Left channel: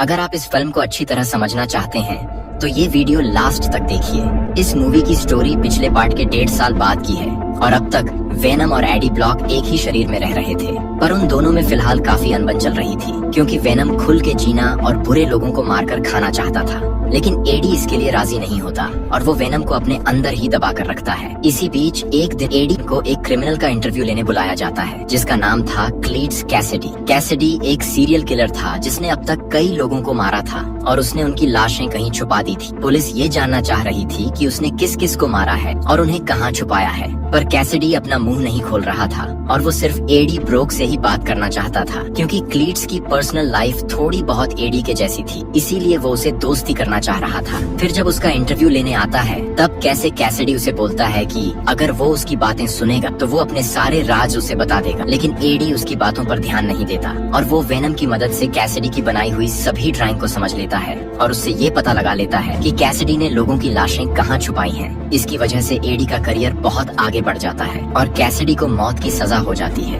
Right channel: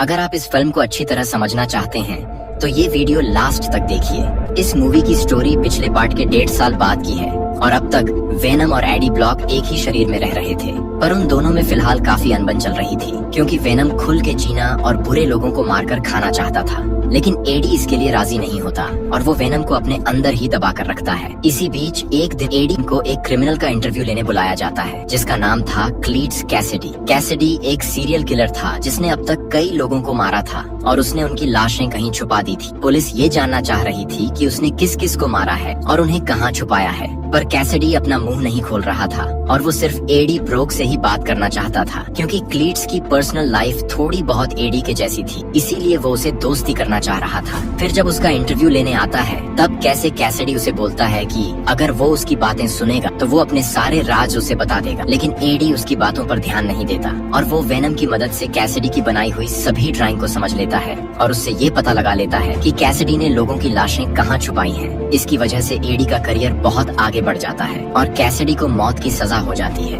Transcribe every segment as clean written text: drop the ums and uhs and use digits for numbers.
अगर आप इस फिल्म को अच्छी तरह समझना चाहते हैं तो ये वीडियो लास्ट तक देखिए। इस मूवी की स्टोरी पिछले पार्ट के 1.5 साल बाद की है और अब तक वेनम और एडी ब्लॉक एक ही शरीर में रह रहे थे, पर उन दोनों में फिलहाल काफी अनबन चल रही थी क्योंकि वेनम खुल के जीना और बुरे लोगों को मारकर खाना चाहता था, लेकिन एडी इसके लिए राजी नहीं होता और वो वेनम को अपने अंदर ही दबा कर रखता है। इसी बीच एक दिन एडी को एक क्रिमिनल का इंटरव्यू लेने बुलाया जाता है जिसका नाम था क्लीट्स कैसिडी। कैसिडी एक सीरियल किलर था जिसने अब तक कई लोगों को मारा था और उसने उनकी लाशें कहीं छुपा दी थी। पुलिस ये जानना चाह रही थी कि उसने किस किस को मारा है और उन्हें कहाँ छुपाया है, पर कैसिडी अपना मुंह नहीं खोल रहा था और वो सिर्फ एडी ब्रोक से ही बात करना चाहता था क्योंकि क्लीट्स की पर्सनल लाइफ थोड़ी बहुत एडी के जैसी थी, इसीलिए वो उसे दोस्ती करना चाह रहा था। फिर जब उसका इंटरव्यू लेने आता है तब कैसे कैसिडी उसे बोलता है कि अगर वो उसकी बातें सुनेगा तो वो अपने सारे राज उसे बता देगा, लेकिन एडी उसकी बातों पर ध्यान नहीं देता और वो वेनम की मदद से कैसिडी की बनाई हुई सभी ड्राइंग को समझ लेता है और उससे ये पता लगा लेता है कि कैसिडी ने लोगों की लाशें कहाँ छुपाई हैं। इसकी वजह से एडी का करियर बहुत आगे बढ़ जाता है और कैसिडी को मौत की सजा हो जाती है,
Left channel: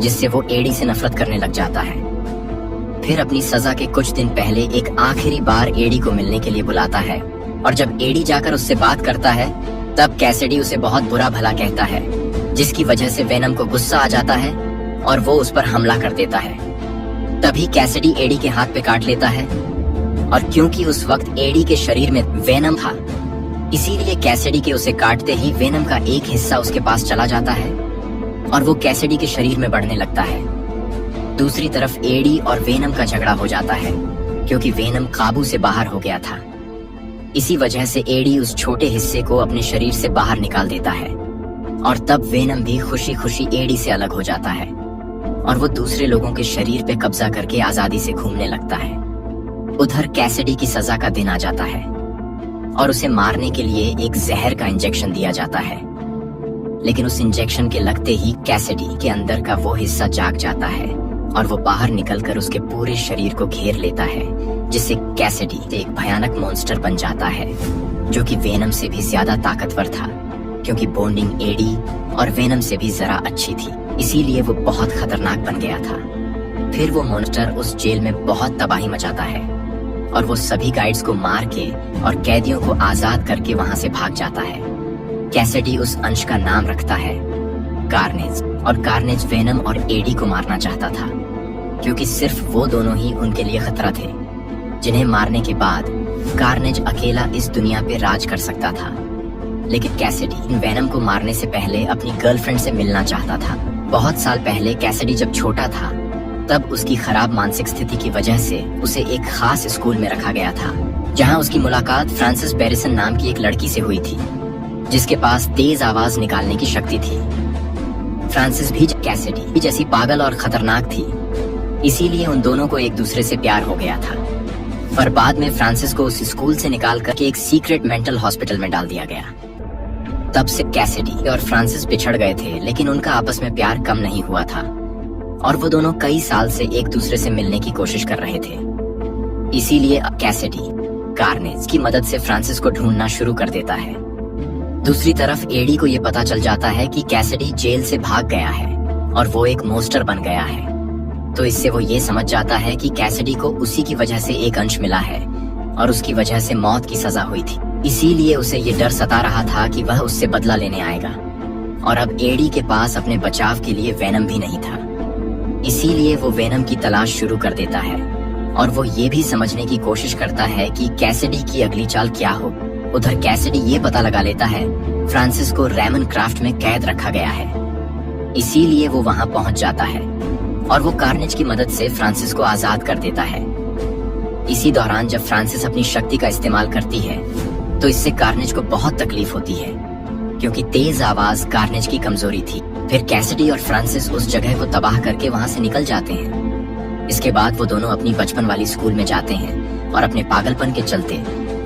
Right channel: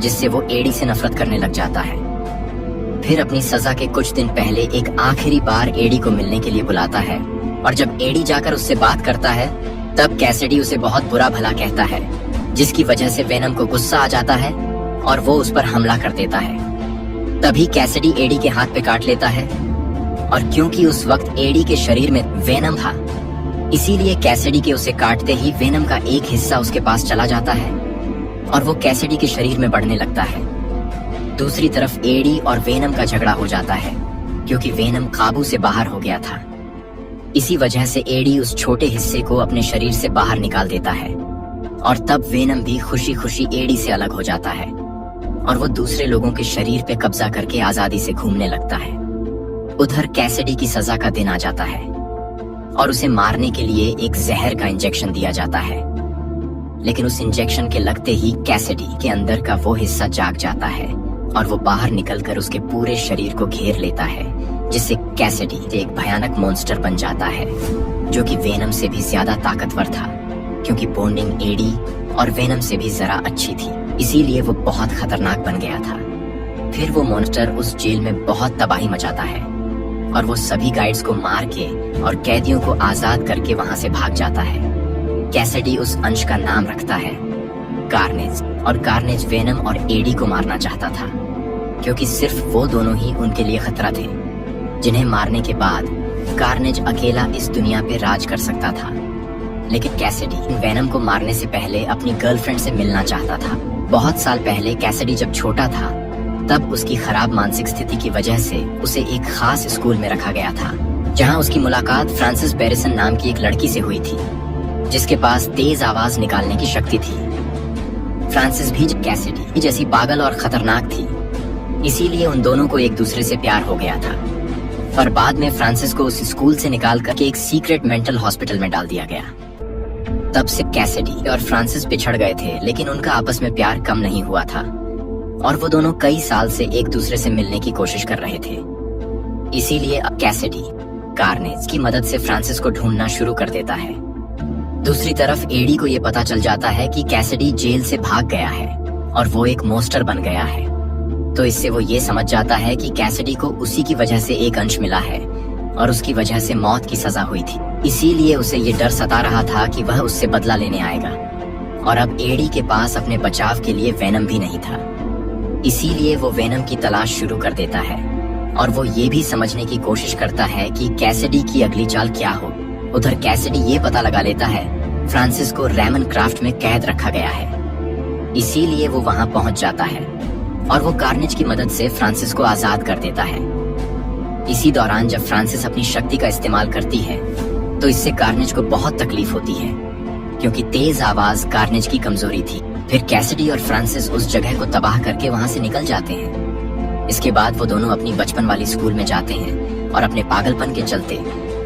जिससे वो एडी से नफरत करने लग जाता है। फिर अपनी सजा के कुछ दिन पहले एक आखिरी बार एडी को मिलने के लिए बुलाता है और जब एडी जाकर उससे बात करता है तब कैसिडी उसे बहुत बुरा भला कहता है, जिसकी वजह से वेनम को गुस्सा आ जाता है और वो उस पर हमला कर देता है। तभी कैसिडी एडी के हाथ पे काट लेता है और क्योंकि उस वक्त एडी के शरीर में वेनम था, इसीलिए कैसिडी के उसे काटते ही वेनम का एक हिस्सा उसके पास चला जाता है और वो कैसिडी के शरीर में बढ़ने लगता है। दूसरी तरफ एडी और वेनम का झगड़ा हो जाता है क्योंकि वेनम काबू से बाहर हो गया था। इसी वजह से एडी उस छोटे हिस्से को अपने शरीर से बाहर निकाल देता है और तब वेनम भी खुशी खुशी एडी से अलग हो जाता है और वो दूसरे लोगों के शरीर पे कब्जा करके आजादी से घूमने लगता है। उधर कैसिडी की सजा का दिन आ जाता है और उसे मारने के लिए एक जहर का इंजेक्शन दिया जाता है, लेकिन उस इंजेक्शन के लगते ही कैसिडी के अंदर का वो हिस्सा जाग जाता है और वो बाहर निकलकर उसके पूरे शरीर को घेर लेता है, जिससे कैसिडी एक भयानक मॉन्स्टर बन जाता है जो कि वेनम से भी ज्यादा ताकतवर था क्योंकि बॉन्डिंग एडी और वेनम से भी जरा अच्छी थी, इसीलिए वो बहुत खतरनाक बन गया था। फिर वो मॉन्स्टर उस जेल में बहुत तबाही मचाता है और वो सभी गाइड्स को मार के और कैदियों को आजाद करके वहाँ से भाग जाता है। कैसिडी उस अंश का नाम रखता है कार्नेज और कार्नेज वेनम और एडी को मारना चाहता था क्योंकि सिर्फ वो दोनों ही उनके लिए खतरा थे, जिन्हें मारने के बाद कार्नेज अकेला इस दुनिया पे राज कर सकता था। लेकिन कैसिडी वेनम को मारने से पहले अपनी गर्लफ्रेंड से मिलना चाहता था। बहुत साल पहले कैसिडी जब छोटा था तब उसकी खराब मानसिक स्थिति की वजह से उसे एक खास स्कूल में रखा गया था जहां उसकी मुलाकात फ्रांसिस बैरिसन नाम की एक लड़की से हुई थी जिसके पास तेज आवाज निकालने की शक्ति थी। फ्रांसिस भी कैसिडी जैसी पागल और खतरनाक थी, इसीलिए उन दोनों को एक दूसरे से प्यार हो गया था और बाद में फ्रांसिस को उस स्कूल से निकाल कर एक सीक्रेट मेंटल हॉस्पिटल में डाल दिया गया। तब से कैसिडी और फ्रांसिस बिछड़ गए थे, लेकिन उनका आपस में प्यार कम नहीं हुआ था और वो दोनों कई साल से एक दूसरे से मिलने की कोशिश कर रहे थे। इसीलिए अब कैसिडी कार्नेज की मदद से फ्रांसिस को ढूंढना शुरू कर देता है। दूसरी तरफ एडी को ये पता चल जाता है कि कैसिडी जेल से भाग गया है और वो एक मॉन्स्टर बन गया है, तो इससे वो ये समझ जाता है कि कैसिडी को उसी की वजह से एक अंश मिला है और उसकी वजह से मौत की सजा हुई थी। इसीलिए उसे ये डर सता रहा था कि वह उससे बदला लेने आएगा और अब एडी के पास अपने बचाव के लिए वेनम भी नहीं था, इसीलिए वो वेनम की तलाश शुरू कर देता है और वो ये भी समझने की कोशिश करता है कि कैसिडी की अगली चाल क्या हो। उधर कैसिडी ये पता लगा लेता है फ्रांसिस को रेमन क्राफ्ट में कैद रखा गया है, इसीलिए वो वहाँ पहुँच जाता है और वो कार्नेज की मदद से फ्रांसिस को आजाद कर देता है। इसी दौरान जब फ्रांसिस अपनी शक्ति का इस्तेमाल करती है तो इससे कार्नेज को बहुत तकलीफ होती है क्योंकि तेज आवाज कार्नेज की कमजोरी थी। फिर कैसिडी और फ्रांसिस उस जगह को तबाह करके वहाँ से निकल जाते हैं। इसके बाद वो दोनों अपनी बचपन वाली स्कूल में जाते हैं और अपने पागलपन के चलते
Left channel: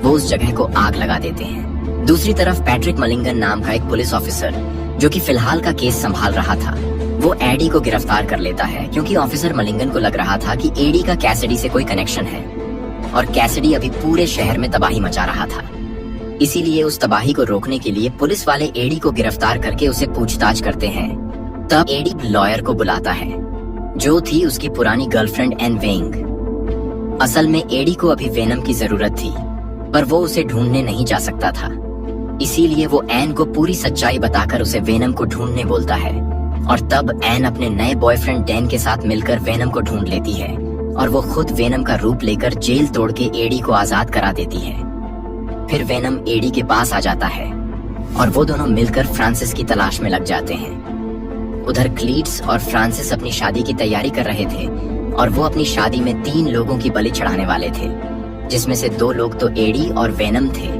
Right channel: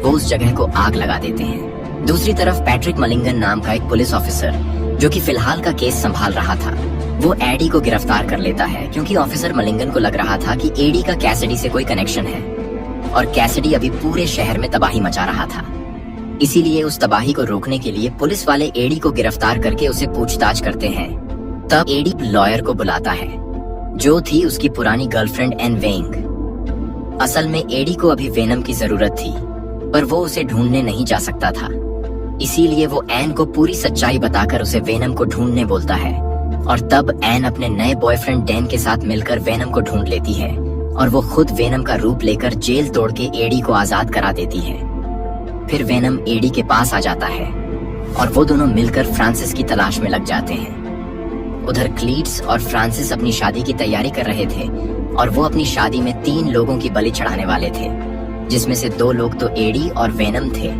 वो उस जगह को आग लगा देते हैं। दूसरी तरफ पैट्रिक मलिंगन नाम का एक पुलिस ऑफिसर जो कि फिलहाल का केस संभाल रहा था, वो एडी को गिरफ्तार कर लेता है क्योंकि ऑफिसर मलिंगन को लग रहा था कि एडी का कैसिडी से कोई कनेक्शन है और कैसिडी अभी पूरे शहर में तबाही मचा रहा था। इसीलिए उस तबाही को रोकने के लिए पुलिस वाले एडी को गिरफ्तार करके उसे पूछताछ करते हैं। तब एडी लॉयर को बुलाता है जो थी उसकी पुरानी गर्लफ्रेंड एन वेंग। असल में एडी को अभी वेनम की जरूरत थी, पर वो उसे ढूंढने नहीं जा सकता था। इसीलिए वो एन को पूरी सच्चाई बताकर उसे वेनम को ढूंढने बोलता है। और तब एन अपने नए बॉयफ्रेंड डैन के साथ मिलकर वेनम को ढूंढ लेती है और वो खुद वेनम का रूप लेकर जेल तोड़ के एडी को आजाद करा देती है। फिर वेनम एडी के पास आ जाता है और वो दोनों मिलकर फ्रांसिस की तलाश में लग जाते हैं। उधर क्लीट्स और फ्रांसिस अपनी शादी की तैयारी कर रहे थे और वो अपनी शादी में 3 लोगों की बलि चढ़ाने वाले थे, जिसमें से 2 लोग तो एडी और वेनम थे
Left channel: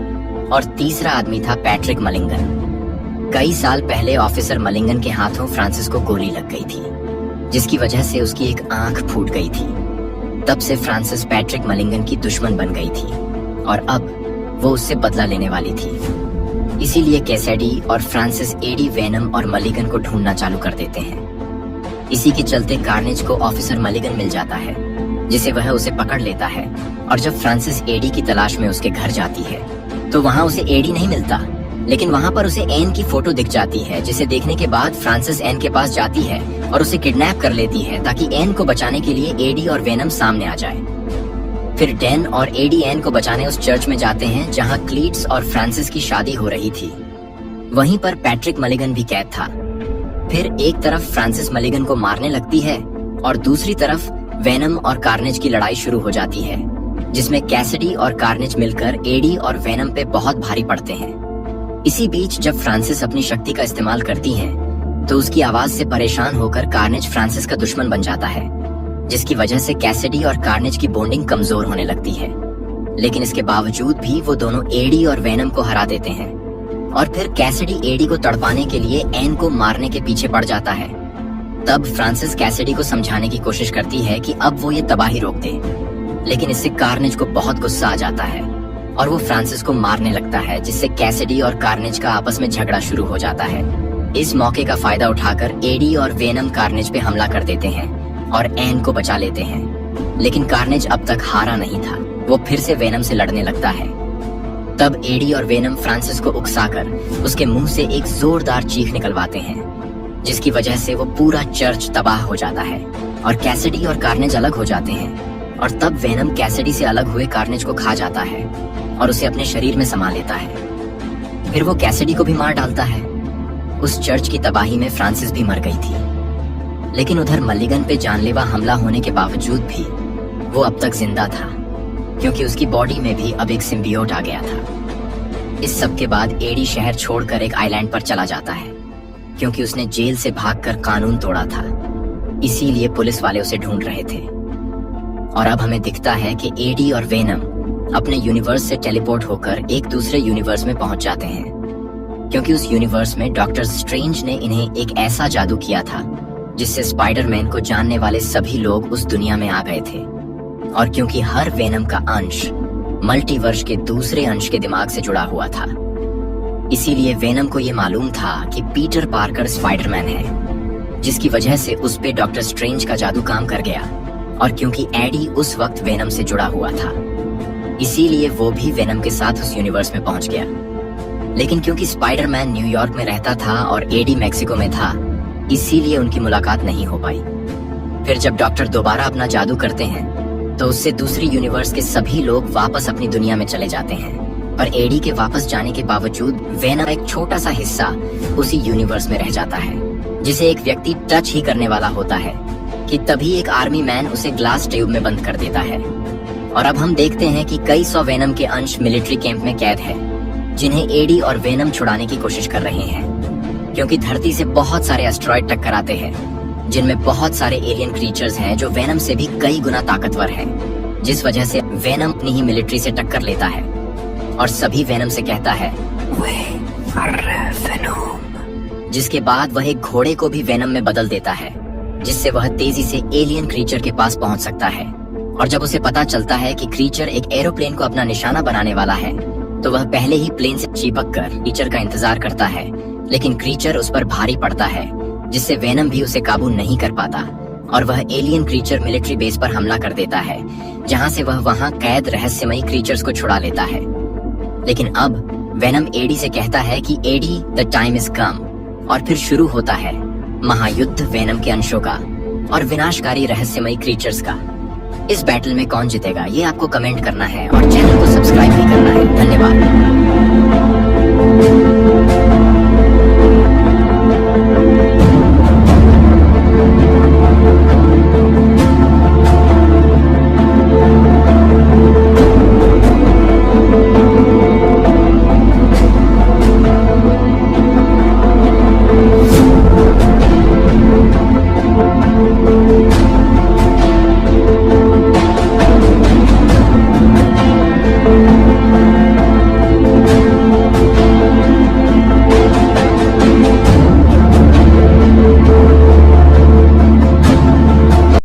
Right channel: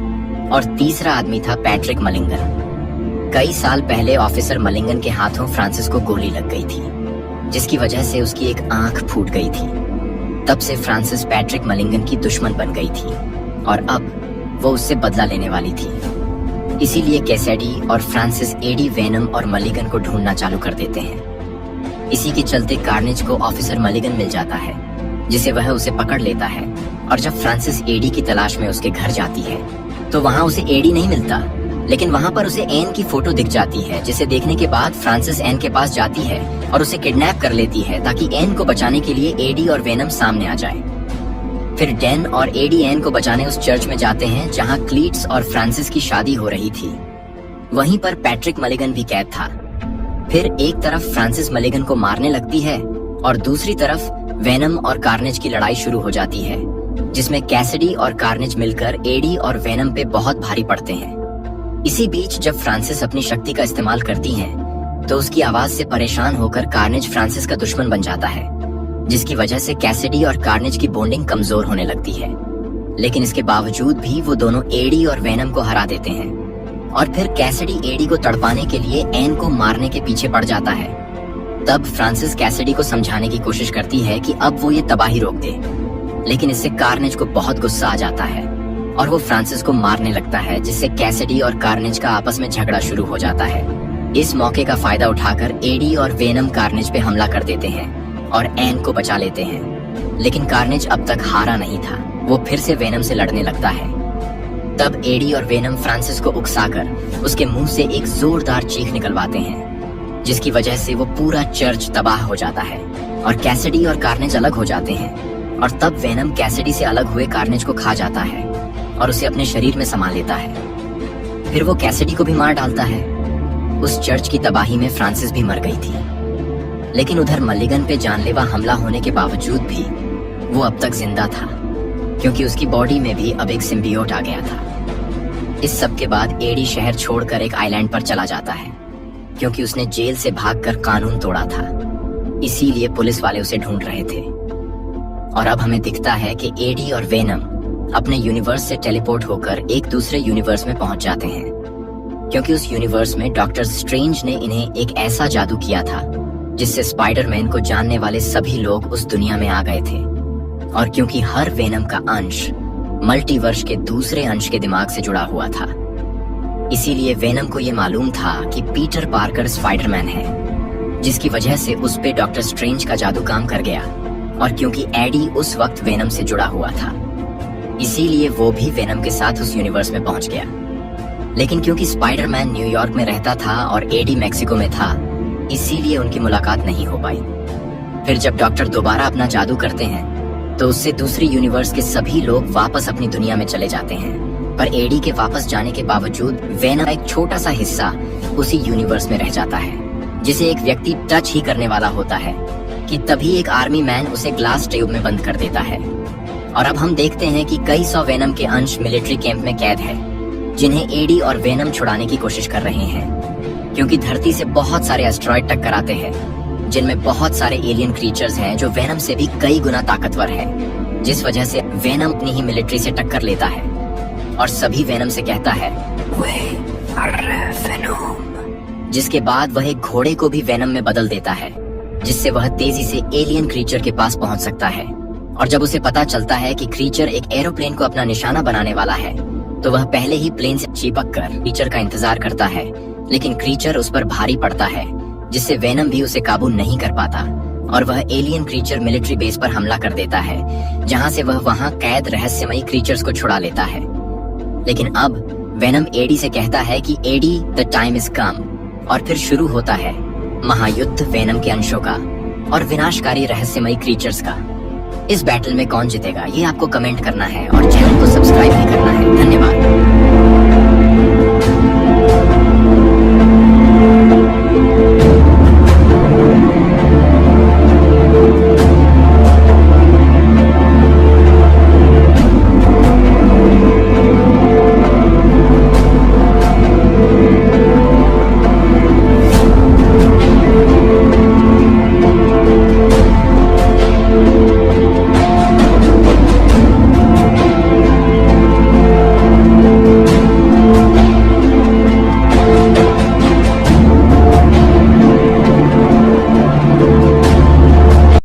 और तीसरा आदमी था पैट्रिक मलिंगन। कई साल पहले ऑफिसर मलिंगन के हाथों फ्रांसिस को गोली लग गई थी, जिसकी वजह से उसकी एक आंख फूट गई थी। तब से फ्रांसिस पैट्रिक मलिंगन की दुश्मन बन गई थी और अब वो उससे बदला लेने वाली थी। इसीलिए कैसेडी और फ्रांसिस एडी, वेनम और मलिगन को ढूंढना चालू कर देते हैं। इसी के चलते कार्नेज को ऑफिसर मलिगन मिल जाता है, जिसे वह उसे पकड़ लेता है। और जब फ्रांसिस एडी की तलाश में उसके घर जाती है तो वहाँ उसे एडी नहीं मिलता, लेकिन वहाँ पर उसे एन की फोटो दिख जाती है, जिसे देखने के बाद फ्रांसिस एन के पास जाती है और उसे किडनैप कर लेती है ताकि एन को बचाने के लिए एडी और वेनम सामने आ जाए। फिर डैन और एडी एन को बचाने उस चर्च में जाते हैं जहाँ क्लीट्स और फ्रांसिस की शादी हो रही थी। वहीं पर पैट्रिक मलिगन भी कैद था। फिर एक तरफ फ्रांसिस मलिगन को मारने लगती है और दूसरी तरफ वेनम और कार्नेज की लड़ाई शुरू हो जाती है, जिसमें कैसिडी और कार्नेज मिलकर एडी और वेनम पे बहुत भारी पड़ते हैं। इसी बीच जब फ्रांसिस अपनी शक्ति का इस्तेमाल करती है तो उसकी आवाज से परेशान होकर कार्नेज फ्रांसिस का दुश्मन बन जाता है, जिसकी वजह से कैसिडी और कार्नेज की बॉन्डिंग कमजोर होने लगती है। लेकिन इसके बावजूद भी वो दोनों एडी और वेनम को हरा देते हैं और फिर कैसिडी एडी को तड़पाने के लिए एन को मारने के पीछे पड़ जाता है। तब फ्रांसिस कैसिडी को समझाने की कोशिश करती है कि अब वो ये तबाही रोक दे, लेकिन इससे कार्नेज को बहुत गुस्सा आ जाता है और वो फ्रांसिस को मारने लगता है, जिससे कैसिडी और कार्नेज का आपस में झगड़ा शुरू हो जाता है। इस मौके का फायदा उठाकर एडी और वेनम कार्नेज पे हमला कर देते हैं और एन को बचा लेते हैं। लेकिन कार्नेज अब तक हारा नहीं था, वो फिर से वेनम से लड़ने लगता है। तब एडी और वेनम फ्रांसिस को उकसाकर उसके मुंह से एक जोरदार चीख निकलवाते हैं, जिसकी वजह से वो पूरा चर्च तबाह हो जाता है और कैसिडी और कार्नेज अलग हो जाते हैं। और तब वेनम कैसिडी से अलग हुए कार्नेज को खा जाता है और उसे अपने शरीर में समा लेता है। फिर वो कैसिडी को भी मार डालता है। उस चर्च की तबाही में फ्रांसिस भी मर गई थी, लेकिन उधर मलिगन पे जानलेवा हमला होने के बावजूद भी वो अब तक जिंदा था, क्योंकि उसकी बॉडी में भी अब एक सिम्बियोट आ गया था। इस सब के बाद एडी शहर छोड़कर एक आइलैंड पर चला जाता है, क्योंकि उसने जेल से भागकर कानून तोड़ा था। इसीलिए पुलिस वाले उसे ढूंढ रहे थे। और अब हमें दिखता है कि एडी और वेनम अपने यूनिवर्स से टेलीपोर्ट होकर एक दूसरे यूनिवर्स में पहुंच जाते हैं, क्योंकि उस यूनिवर्स में डॉक्टर स्ट्रेंज ने इन्हें एक ऐसा जादू किया था जिससे स्पाइडरमैन को जानने वाले सभी लोग उस दुनिया में आ गए थे। और क्योंकि हर वेनम का अंश मल्टीवर्स के दूसरे अंश के दिमाग से जुड़ा हुआ था, इसीलिए वेनम को ये मालूम था कि पीटर पार्कर स्पाइडरमैन है, जिसकी वजह से उस पे डॉक्टर स्ट्रेंज का जादू काम कर गया। और क्योंकि एडी उस वक्त वेनम से जुड़ा हुआ था, इसीलिए वो भी वेनम के साथ उस यूनिवर्स में पहुंच गया। लेकिन क्योंकि स्पाइडरमैन न्यूयॉर्क में रहता था और एडी मैक्सिको में था, इसीलिए उनकी मुलाकात नहीं हो पाई। फिर जब डॉक्टर दोबारा अपना जादू करते हैं तो उससे दूसरी यूनिवर्स के सभी लोग वापस अपनी दुनिया में चले जाते हैं, पर एडी के वापस जाने के बावजूद वेनम एक छोटा सा हिस्सा उसी यूनिवर्स में रह जाता है, जिसे एक व्यक्ति टच ही करने वाला होता है कि तभी एक आर्मी मैन उसे ग्लास ट्यूब में बंद कर देता है। और अब हम देखते हैं कि कई सौ वेनम के अंश मिलिट्री कैंप में कैद हैं, जिन्हें एडी और वेनम छुड़ाने की कोशिश कर रहे हैं, क्योंकि धरती से बहुत सारे एस्ट्रॉयड टक्कर आते हैं, जिनमें बहुत सारे एलियन क्रीचर्स हैं जो वेनम से भी कई गुना ताकतवर हैं, जिस वजह से वेनम अपनी ही मिलिट्री से टक्कर लेता है और सभी वेनम से कहता है वेनम, जिसके बाद वह एक घोड़े को भी वेनम में बदल देता है, जिससे वह तेजी से एलियन क्रीचर के पास पहुंच सकता है। और जब उसे पता चलता है कि क्रीचर एक एरोप्लेन को अपना निशाना बनाने वाला है, तो वह पहले ही प्लेन से चिपक कर क्रीचर का इंतजार करता है, लेकिन क्रीचर उस पर भारी पड़ता है, जिससे वेनम भी उसे काबू नहीं कर पाता और वह एलियन क्रीचर मिलिट्री बेस पर हमला कर देता है, जहां से वह वहां कैद रहस्यमयी क्रीचर्स को छुड़ा लेता है। लेकिन अब वेनम एडी से कहता है कि Eddie, the time is come, और फिर शुरू होता है महायुद्ध वेनम के अंशों का और विनाशकारी रहस्यमयी क्रीचर्स का। इस बैटल में कौन जीतेगा ये आपको कमेंट करना है और चैनल को सब्सक्राइब भी करना है। धन्यवाद।